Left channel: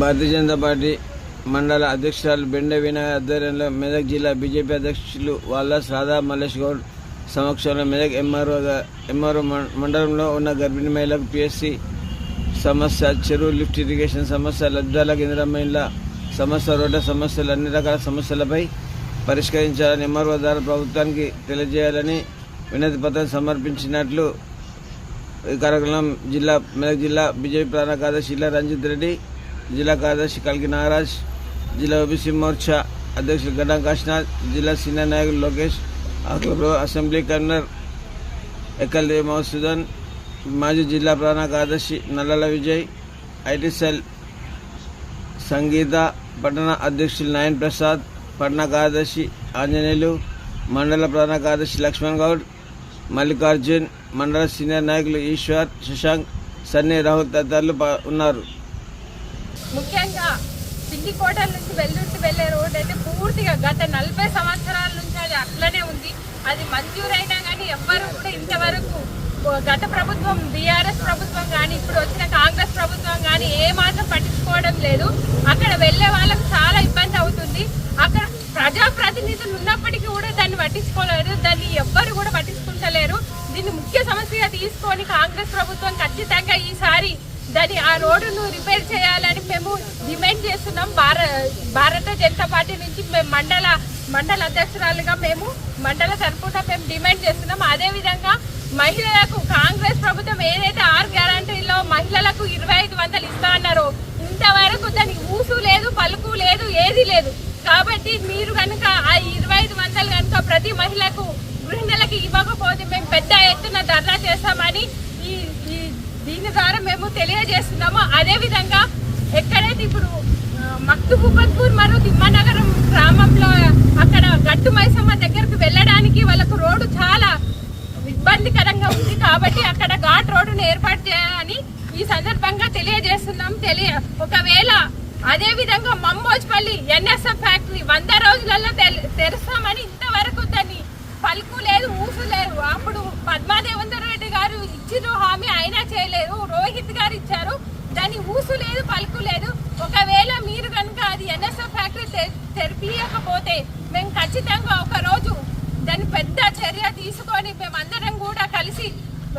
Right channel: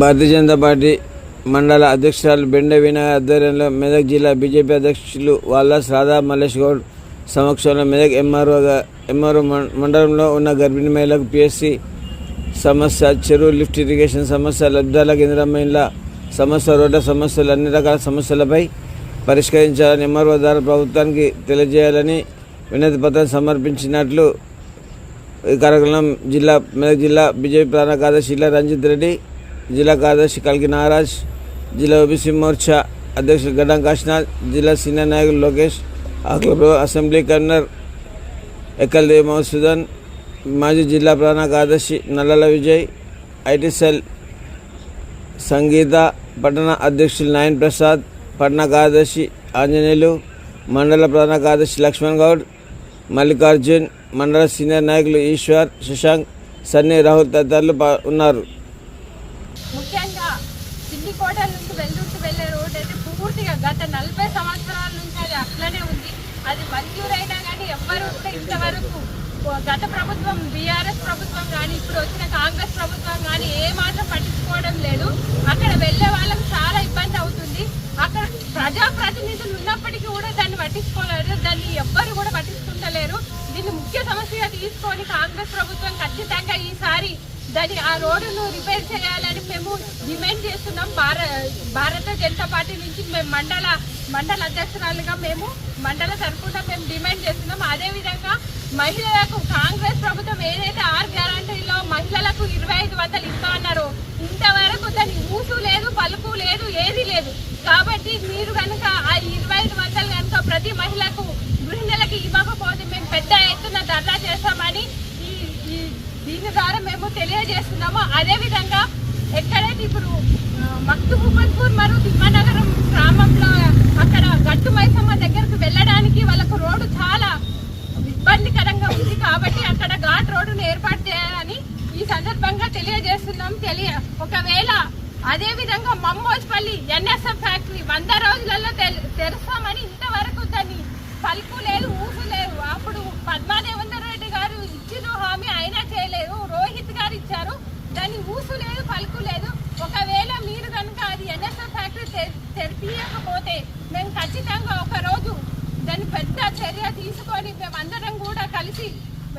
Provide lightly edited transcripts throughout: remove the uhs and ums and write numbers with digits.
Bharatiya Janata party మండల అధ్యక్షురాలు బెండే వినయ్ ఆధ్వర్యంలో మెదక్ జిల్లా బీజేపీ అధ్యక్షులు వాల్లాస్ రాధా మల్లేష్ గౌడ్ సమక్షంలో మెదక్ ఎంఆర్ఓ మండలంలో ఉన్న గర్భిణీ మహిళలకు పిఎస్సి సమస్య, చెరువు లిఫ్ట్ ఇరిగేషన్ సమస్య, లబ్ధాలకు ఇందిరమ్మ ఇండ్ల సమస్య, రోడ్ల సమస్యలు, అన్ని రకాల సమస్యలపై పరిష్కరించాలని ఎంఆర్ఓ ద్వారా ప్రభుత్వానికి తెలియజేయాలని వినతి పత్రం సమర్పించినట్లు ఈ కార్యక్రమం మెదక్ జిల్లా బీజేపీ ప్రధాన కార్యదర్శి ఇలా రంజిత్ రెడ్డి, జిల్లా కార్యదర్శి కల్కి నాగరాజ్, జిల్లా ఓబీసీ మోర్చా అధ్యక్షులు గడ్డం కాశీనాథ్, జిల్లా సీనియర్ నాయకులు లోకేష్, అసెంబ్లీ కన్వీనర్ ఎక్కల్దేవి మధుసూదన్, మాజీ జిల్లా ప్రధాన కార్యదర్శి నల్లల విజయ్, ఐటీ సెల్ సంగీత, పట్టణ అధ్యక్షులు నాయన్ ప్రసాద్, పట్టణ కార్యదర్శి ఆంజనేయులు, మండల ప్రధాన కార్యదర్శి లక్ష్మణ్ గౌడ్, మల్లికార్జున్, మండల సీనియర్ నాయకులు ఈశ్వర్, శశాంక్, సన్నీ, రాహుల్ తదితరులు ఉన్నారు. ముఖ్యంగా సిండికోట నుంచి వెల్లుర్తి వెళ్లే రోడ్ అయితే పూర్తిగా గత 40 సంవత్సరాల నుంచి అది అట్లనే ఉంది. అది మంజూరైనా కానీ ఎవ్వరూ కూడా ఇంతవరకు గత ప్రభుత్వం బీఆర్ఎస్ ప్రభుత్వం కానీ ఇప్పుడు వచ్చిన కాంగ్రెస్ ప్రభుత్వం కానీ ఏ మాత్రం పట్టించుకోవడం లేదు. అక్కడ వెళ్లే వాళ్ళకి చాలా ఇబ్బంది అవుతుంది. అక్కడ ప్రజాప్రతినిధులు ఉన్నప్పటికీ కూడా దాన్ని పట్టించుకోలేరు, దాన్ని ఎవ్వరు కూడా పట్టించుకుంటలేరు. దీన్ని ముఖ్య సమస్యగా తీసుకొని కాంగ్రెస్ ప్రభుత్వం ఖచ్చితంగా ఈసారి దాన్ని ఆ రోడ్డును రిపేర్ చేయాలని మేము డిమాండ్ చేస్తున్నాం. భారత జనతా పార్టీ నుంచి మేము మండల అధ్యక్షురాలుగా మేము మండల తరఫున మేము డిమాండ్ చేస్తున్నాం. అదేవిధంగా మహిళలకు కాంగ్రెస్ ప్రభుత్వం ఏదైతే 6 గ్యారంటీలో మహిళలకు 2500 ఇస్తా అన్నారో ఇంతవరకు దానికి ఊసు లేదు, పలుకు లేదు, ఏది లేదు. కాబట్టి మీరు కనుక ఆ 2500 కనుక ప్రతి మహిళకు గృహిణులకి ఇవ్వకపోతే మేము పెద్ద ఎత్తున ధర్నా చేస్తామని దీని ద్వారా మేము తెలియజేస్తున్నాము. అదేవిధంగా ఎక్కడైతే ఇప్పుడు మక్తుబుపన్పూర్ మరియు తిమ్మనగరం గ్రామంలో అక్కడ గట్టు మైసమ్మ దగ్గరకు వెళ్ళడానికి వాళ్ళకు రోడ్డు చాలా ఇబ్బందికరంగా ఉంది. కాబట్టి అక్కడ ఘాట్ రోడ్డును ఏర్పాటు చేయాలని ఈ సందర్భంగా తెలియజేస్తున్నాం. ఒకవేళ అదేవిధంగా మమ్మోజ్పల్లి ఎన్ఎస్ఎఫ్ ఫ్యాక్టరీ 100 రోజులలో తెరుస్తామని ఇంతవరకు దాన్ని పలుకు లేదు, ఊసు లేదు. అప్పుడు పద్మాదేవేందర్ రెడ్డి గారు ఇచ్చిన హామీ అయినా చేయలేదు, రోహిత్ గారు ఇచ్చారు, దాన్ని ఊసు లేదు, పలుకు లేదు. ఒకవేళ మీరు కనుక అది ఎన్ఎస్ఎఫ్ ఫ్యాక్టరీ తెరిపియకపోతే మేము ఖచ్చితంగా ఒక రోజు దాన్ని పెద్ద చర్య తీసుకొని మేమందరం కూడా కలిసి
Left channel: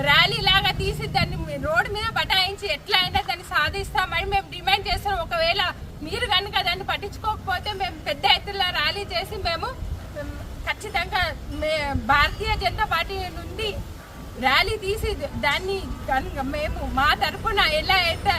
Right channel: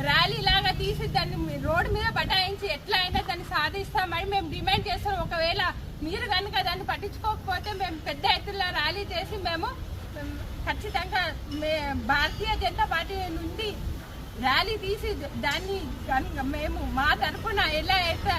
ర్యాలీ లాగా తీసి దాన్ని రోడ్డు మీద బటాయించి ఎట్లా అయినా దాన్ని సాధిస్తామని మేము డిమాండ్ చేస్తాం. ఒకవేళ మీరు కనుక దాన్ని పట్టించుకోకపోతే మేము పెద్ద ఎత్తున ర్యాలీ చేసి మేము ఖచ్చితంగా భారతీయ జనతా పార్టీ నుండి ర్యాలీ తీసి దాన్ని మేము మా తరఫున ఎలా అయితే